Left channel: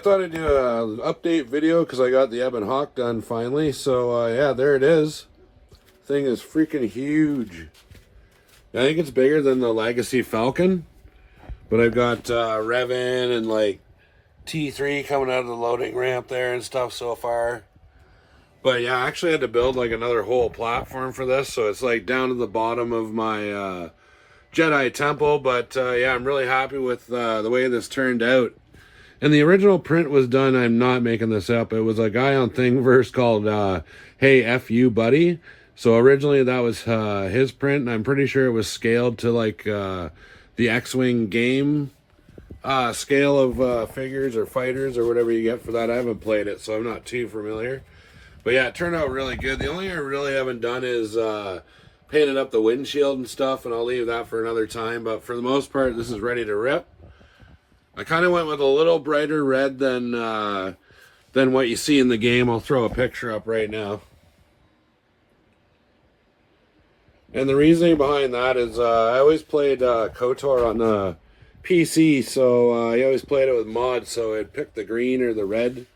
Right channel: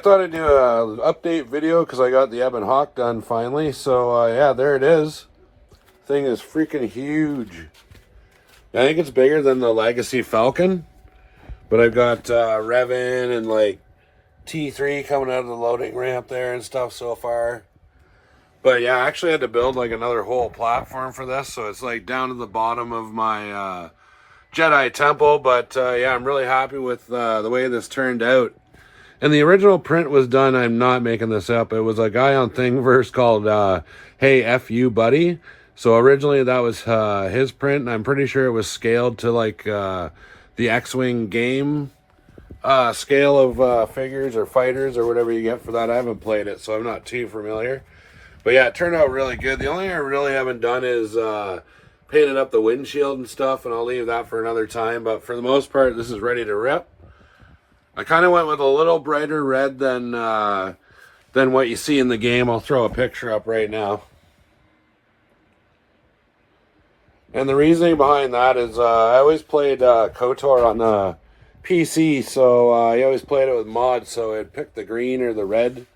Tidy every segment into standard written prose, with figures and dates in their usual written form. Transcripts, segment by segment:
thought I'd do an update video because I got the Ebon Hawk done finally. So yeah, there it is. Thing is freaking huge. I think it's bigger than the Legacy Falcon, but I've got Revin and like T3 coming out of the loading ramp there and stuff so far. But yeah, I actually had to build like another whole platform for this, so it's like down to the bottom of my Jedi temple. But yeah, I'm really happy with the way this turned out. And the original print was done, I'm not making this up, it was a guy on Thingiverse called Hey F You Buddy. So originally that was his print, and I'm pretty sure it was scaled to like the X-Wing game scale of figures or fighters or whatever you get for that. I haven't played it, so I'm not too familiar. But yeah, it turned out really good. The only thing I really haven't done is painted up the windshield and stuff, and I'll leave that for another time. But for the most part, this is ready to rip. I kind of went with a little brighter red than what you see in the game. I'll throw a picture up right now. And the reasoning behind that is I always played KOTOR on the PC, so I always played it with mods, so I'd pick the green or the red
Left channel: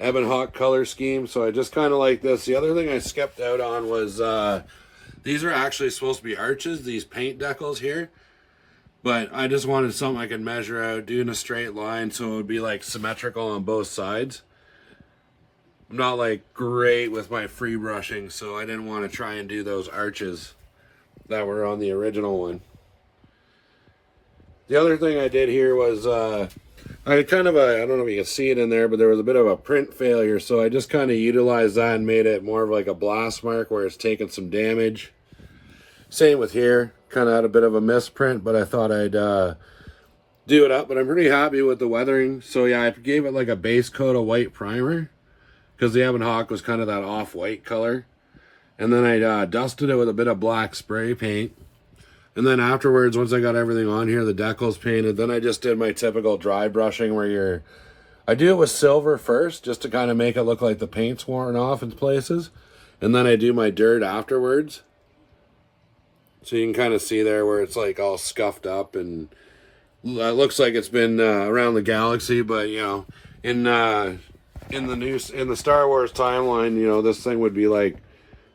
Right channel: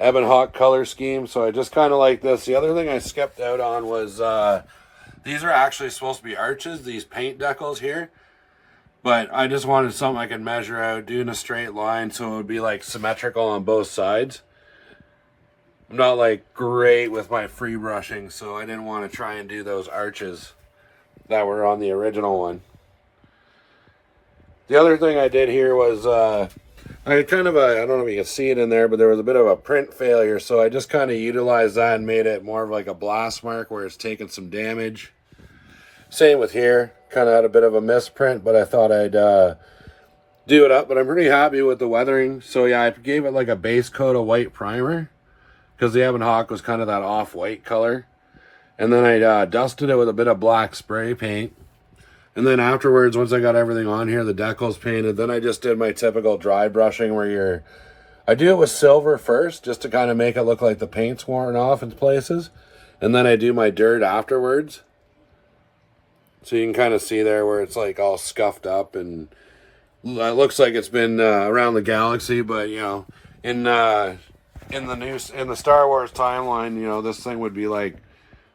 Ebon Hawk color scheme, so I just kind of like this. The other thing I skipped out on was these are actually supposed to be arches, these paint decals here. But I just wanted something I could measure out, do in a straight line, so it would be like symmetrical on both sides. I'm not like great with my free brushing, so I didn't want to try and do those arches that were on the original one. The other thing I did here was, I had kind of I don't know if you can see it in there, but there was a bit of a print failure, so I just kind of utilized that and made it more of like a blast mark where it's taken some damage. Same with here. Kind of had a bit of a misprint, but I thought I'd do it up. But I'm pretty happy with the weathering. So yeah, I gave it like a base coat of white primer because the Ebon Hawk was kind of that off-white color. And then I dusted it with a bit of black spray paint. And then afterwards, once I got everything on here, the decals painted, then I just did my typical dry brushing where I do it with silver first just to kind of make it look like the paint's worn off in places. And then I do my dirt afterwards. So you can kind of see there where it's like all scuffed up and it looks like it's been around the galaxy. But you know, in the Star Wars timeline, you know, this thing would be like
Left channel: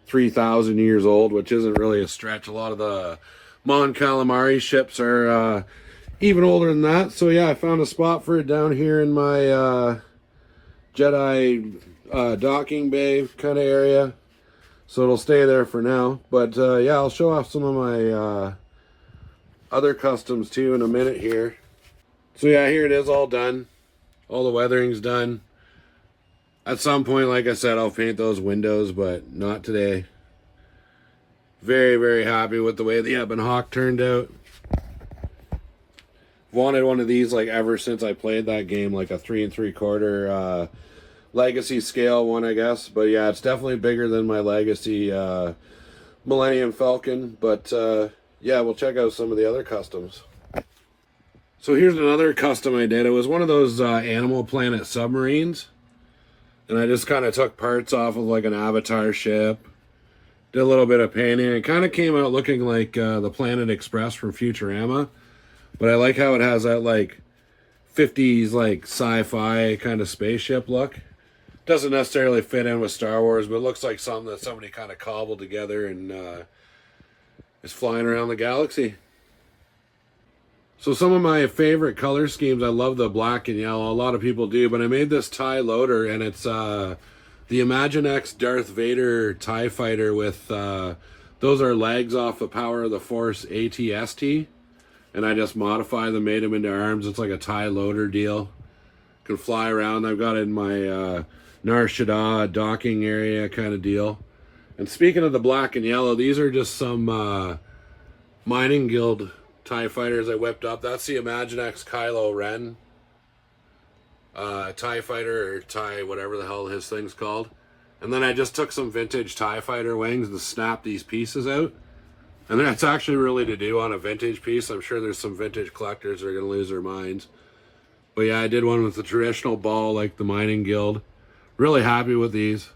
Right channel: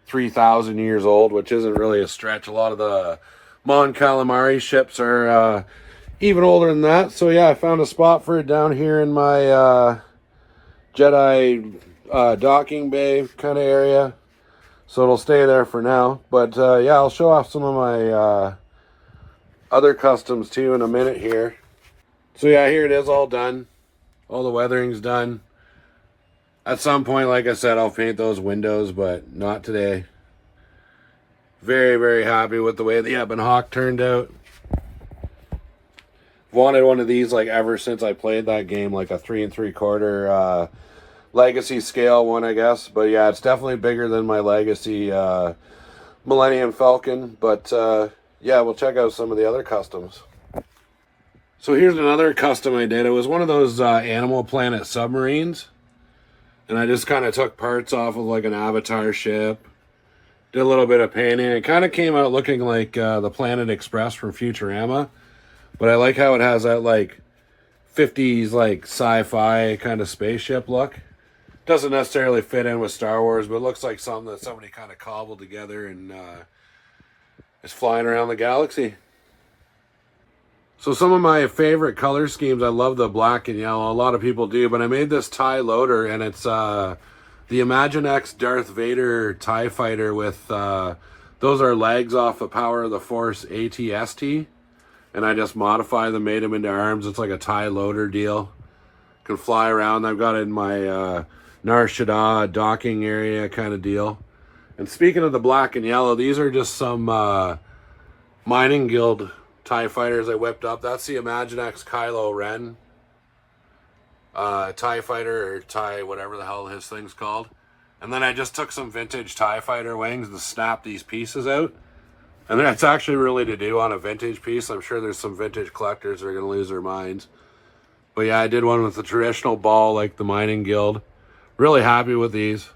3,000 years old, which isn't really a stretch. A lot of the Mon Calamari ships are even older than that. So yeah, I found a spot for it down here in my Jedi docking bay kind of area. So it'll stay there for now. But yeah, I'll show off some of my other customs too in a minute here. So yeah, here it is all done. All the weathering's done. At some point, like I said, I'll paint those windows, but not today. Very, very happy with the way the Ebon Hawk turned out. Wanted one of these like ever since I played that game, like a 3 3/4 Legacy scale one, I guess. But yeah, it's definitely bigger than my Legacy Millennium Falcon. But yeah, we'll check out some of the other customs. So here's another custom I did. It was one of those Animal Planet submarines. And I just kind of took parts off of like an Avatar ship. Did a little bit of painting. It kind of came out looking like the Planet Express from Futurama. But I like how it has that like 50s like sci-fi kind of spaceship look. Doesn't necessarily fit in with Star Wars, but it looks like something that somebody kind of cobbled together and is flying around the galaxy. So some of my favorite color schemes, I love the black and yellow. A lot of people do, but I made this TIE loader, and it's the Imaginext Darth Vader TIE fighter with, those are legs off the Power of the Force AT-ST. And I just modified them, made them into arms. It's like a TIE loader deal. Can fly around. I've got it in my Nar Shaddaa docking area kind of deal. And speaking of the black and yellow, these are just some Mining Guild TIE fighters I whipped up. That's the Imaginext Kylo Ren TIE fighter, or TIE whatever the hell his thing's called. And then I just took some vintage TIE fighter wings and snapped these pieces out. And that's actually really to do on a vintage piece. I'm sure there's some vintage collectors that are going to lose their minds. But yeah, I did one with the traditional ball like the Mining Guild. Really happy with these.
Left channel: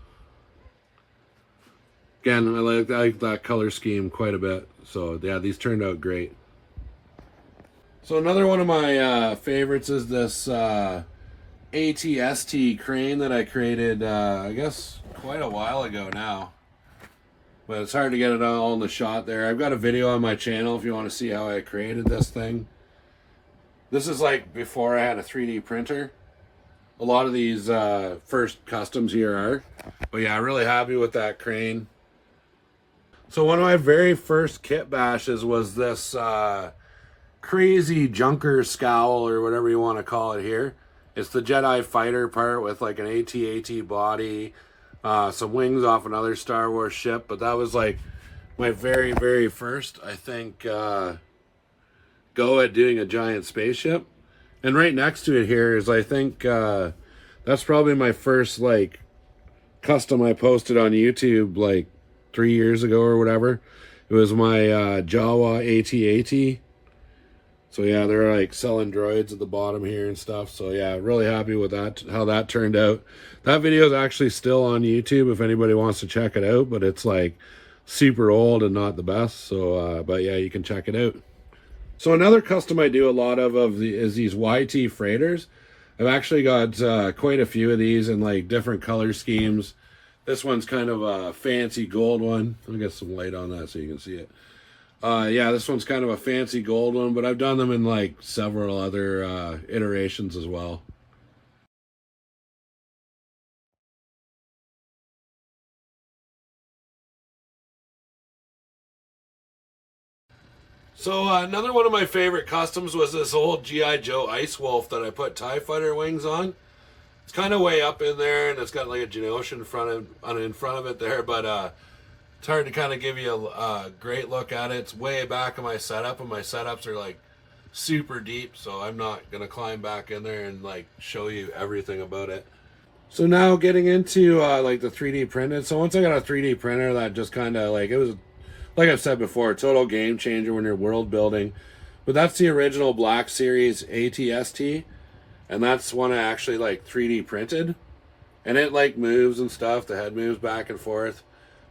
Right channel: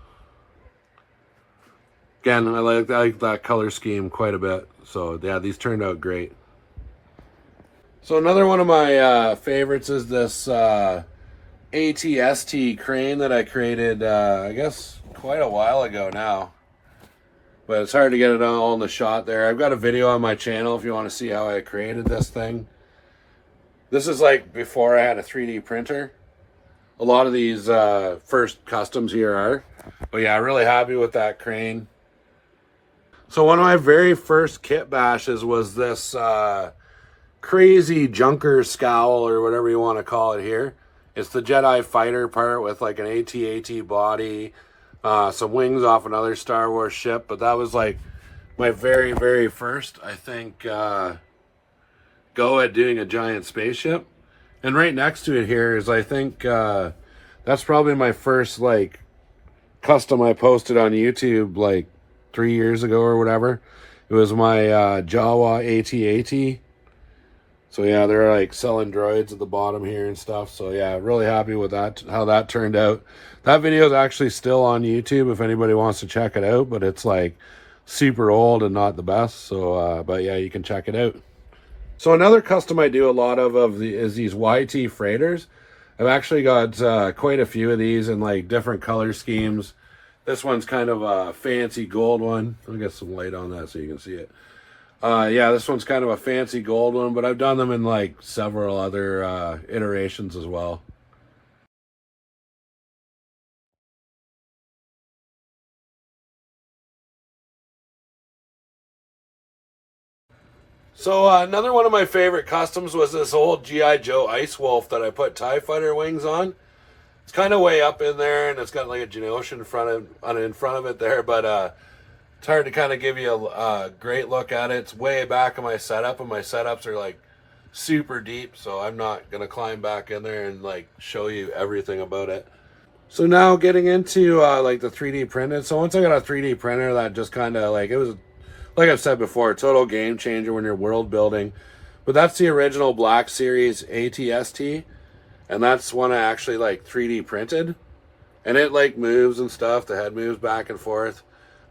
Again, I like that color scheme quite a bit. So yeah, these turned out great. So another one of my favorites is this ATST crane that I created, I guess quite a while ago now. But it's hard to get it all in the shot there. I've got a video on my channel if you want to see how I created this thing. This is like before I had a 3D printer. A lot of these first customs here are. But yeah, really happy with that crane. So one of my very first kit bashes was this crazy junker scowl, or whatever you want to call it here. It's the Jedi fighter part with like an AT-AT body, some wings off another Star Wars ship. But that was like my very, very first, I think, go at doing a giant spaceship. And right next to it here is, I think, that's probably my first like custom I posted on YouTube like 3 years ago or whatever. It was my Jawa AT-AT. So yeah, they're like selling droids at the bottom here and stuff. So yeah, really happy with that, how that turned out. That video is actually still on YouTube if anybody wants to check it out, but it's like super old and not the best. So, but yeah, you can check it out. So another custom I do a lot of is these YT freighters. I've actually got quite a few of these in like different color schemes. This one's kind of a fancy gold one. Let me get some light on that so you can see it. Yeah, this one's kind of a fancy gold one, but I've done them in like several other iterations as well. So another one of my favorite customs was this old G.I. Joe Ice Wolf that I put TIE Fighter wings on. It's kind of way up in there, and it's got like a Genosha in front of it there, but it's hard to kind of give you a great look at it. It's way back in my setup, and my setups are like super deep, so I'm not going to climb back in there and like show you everything about it. So now getting into like the 3D printed. So once I got a 3D printer, that just kind of like, it was, like I've said before, a total game changer when you're world building. But that's the original Black Series ATST, and that's one I actually like 3D printed. And it like moves and stuff, the head moves back and forth.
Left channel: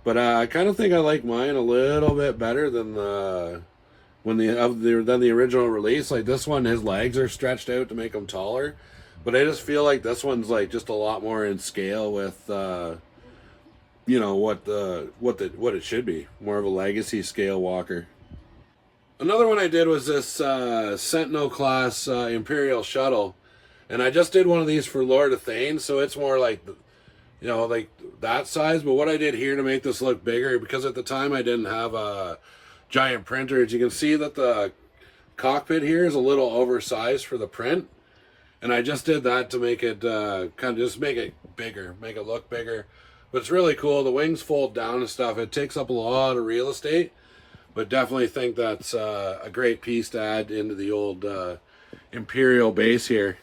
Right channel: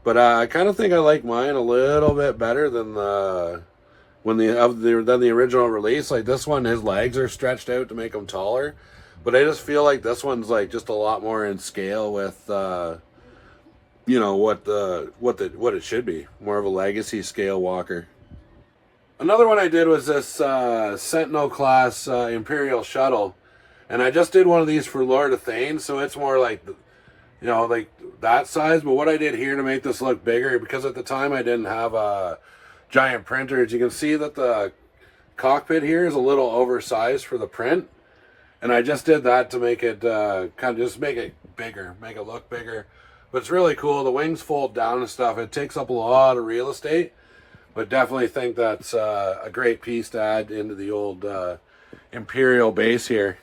But I kind of think I like mine a little bit better than the original release. Like this one, his legs are stretched out to make him taller, but I just feel like this one's like just a lot more in scale with you know what it should be, more of a legacy scale walker. Another one I did was this Sentinel class Imperial shuttle, and I just did one of these for Lord of Thane, so it's more like, you know, like that size. But what I did here to make this look bigger, because at the time I didn't have a giant printer, as you can see that the cockpit here is a little oversized for the print, and I just did that to make it kind of just make it bigger, make it look bigger. But it's really cool. The wings fold down and stuff. It takes up a lot of real estate, but definitely think that's a great piece to add into the old Imperial base here.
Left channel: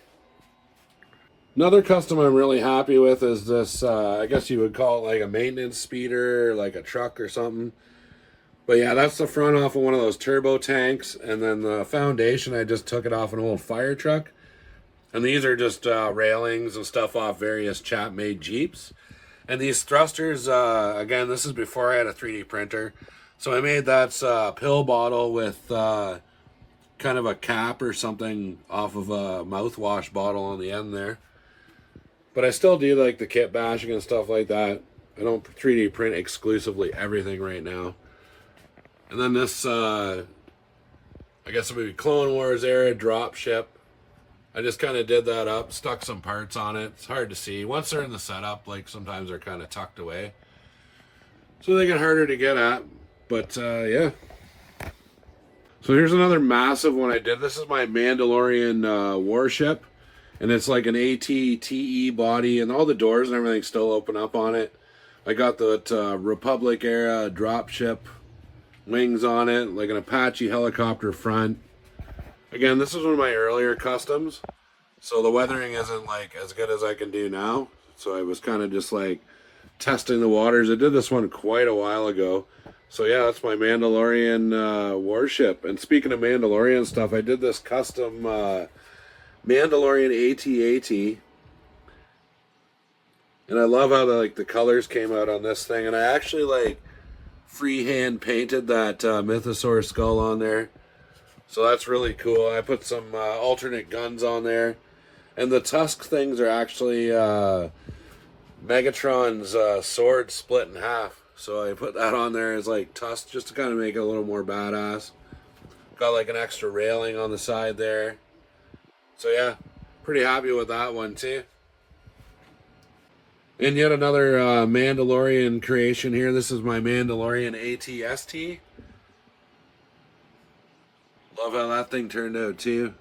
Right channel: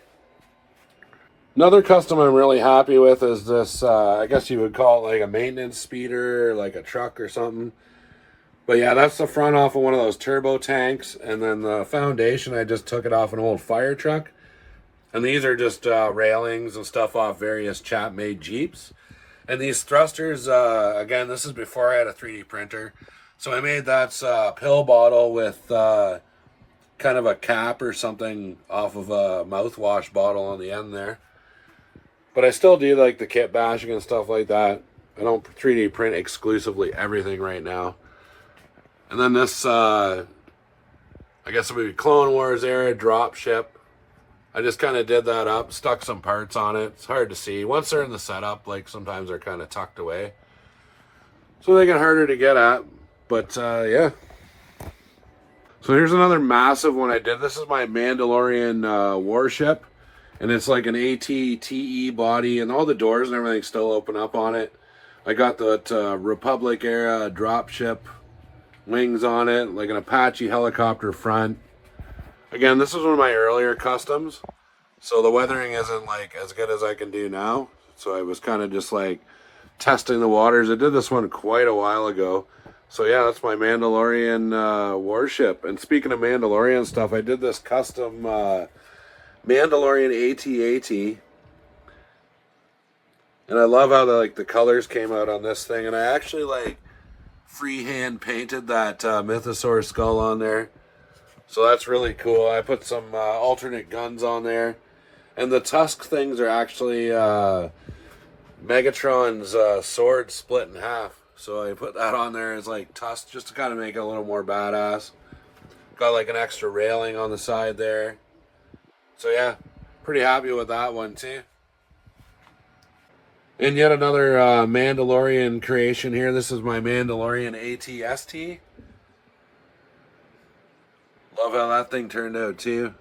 Another custom I'm really happy with is this, I guess you would call it like a maintenance speeder, like a truck or something. But yeah, that's the front off of one of those turbo tanks. And then the foundation, I just took it off an old fire truck. And these are just railings and stuff off various chap-made Jeeps. And these thrusters, again, this is before I had a 3D printer. So I made that pill bottle with kind of a cap or something off of a mouthwash bottle on the end there. But I still do like the kit bashing and stuff like that. I don't 3D print exclusively everything right now. And then this, I guess it would be Clone Wars era drop ship. I just kind of did that up, stuck some parts on it. It's hard to see. Once they're in the setup, like sometimes they're kind of tucked away, so they get harder to get at. But yeah. So here's another massive one I did. This is my Mandalorian warship. And it's like an AT-TE body, and all the doors and everything still open up on it. I got that Republic era dropship wings on it, like an Apache helicopter front. Again, this is one of my earlier customs, so the weathering isn't like as good as I can do now. So I was kind of just like testing the waters. I did this one quite a while ago. So yeah, that's my Mandalorian warship. And speaking of Mandalorian stuff, I did this custom Mandalorian AT-AT, and I love how the colors came out on this thing. And I actually like freehand painted that Mythosaur skull on there, so that's really cool. I put some alternate guns on there. And the tusk things are actually Megatron's sword split in half. So I put that on there as like tusk just to kind of make it a little more badass. Got like an extra railing on the side there. So yeah, pretty happy with that one too. And yet another Mandalorian creation here. This is my Mandalorian ATST. Love how that thing turned out too.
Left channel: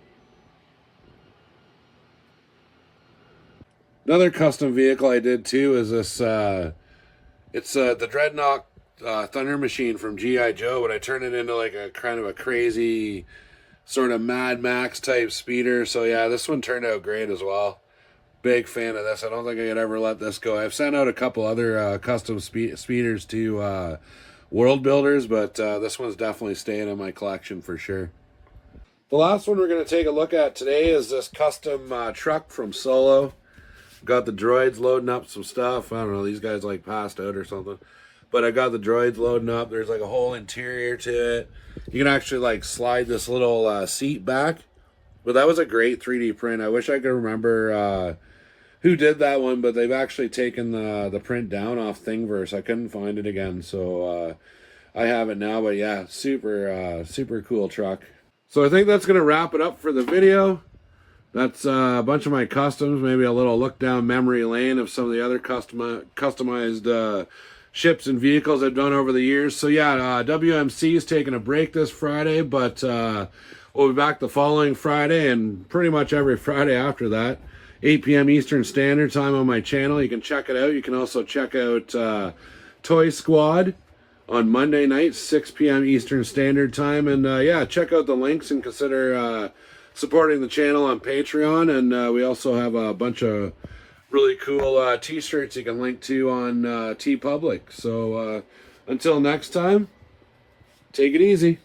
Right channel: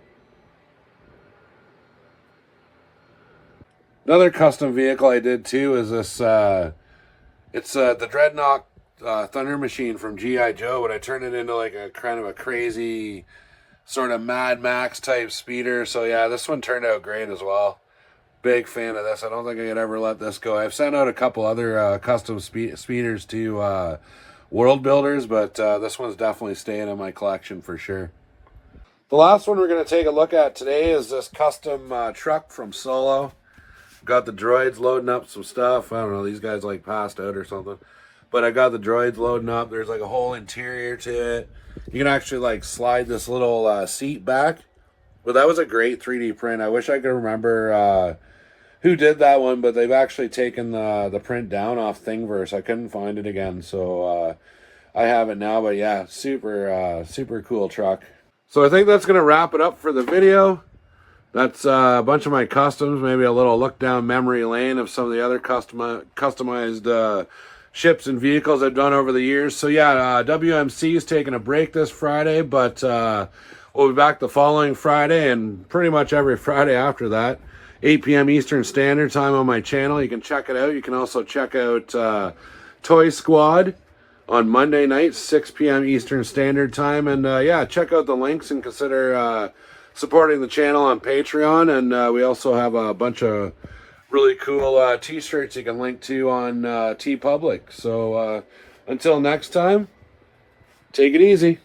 Another custom vehicle I did too is this. It's the Dreadnought Thunder Machine from G.I. Joe, but I turned it into like a kind of a crazy sort of Mad Max type speeder. So yeah, this one turned out great as well. Big fan of this. I don't think I could ever let this go. I've sent out a couple other custom speeders to world builders, but this one's definitely staying in my collection for sure. The last one we're going to take a look at today is this custom truck from Solo. Got the droids loading up some stuff. I don't know, these guys like passed out or something. But I got the droids loading up. There's like a whole interior to it. You can actually like slide this little seat back. But that was a great 3D print. I wish I could remember who did that one, but they've actually taken the print down off Thinverse. I couldn't find it again, so I have it now. But yeah, super cool truck. So I think that's going to wrap it up for the video. That's a bunch of my customs, maybe a little look down memory lane of some of the other customized ships and vehicles I've done over the years. So yeah, WMC is taking a break this Friday, but we'll be back the following Friday and pretty much every Friday after that. 8 p.m. Eastern Standard Time on my channel. You can check it out. You can also check out Toy Squad on Monday nights, 6 p.m. Eastern Standard Time. And yeah, check out the links and consider supporting the channel on Patreon. And we also have a bunch of really cool t-shirts you can link to on TeePublic. So until next time, take it easy.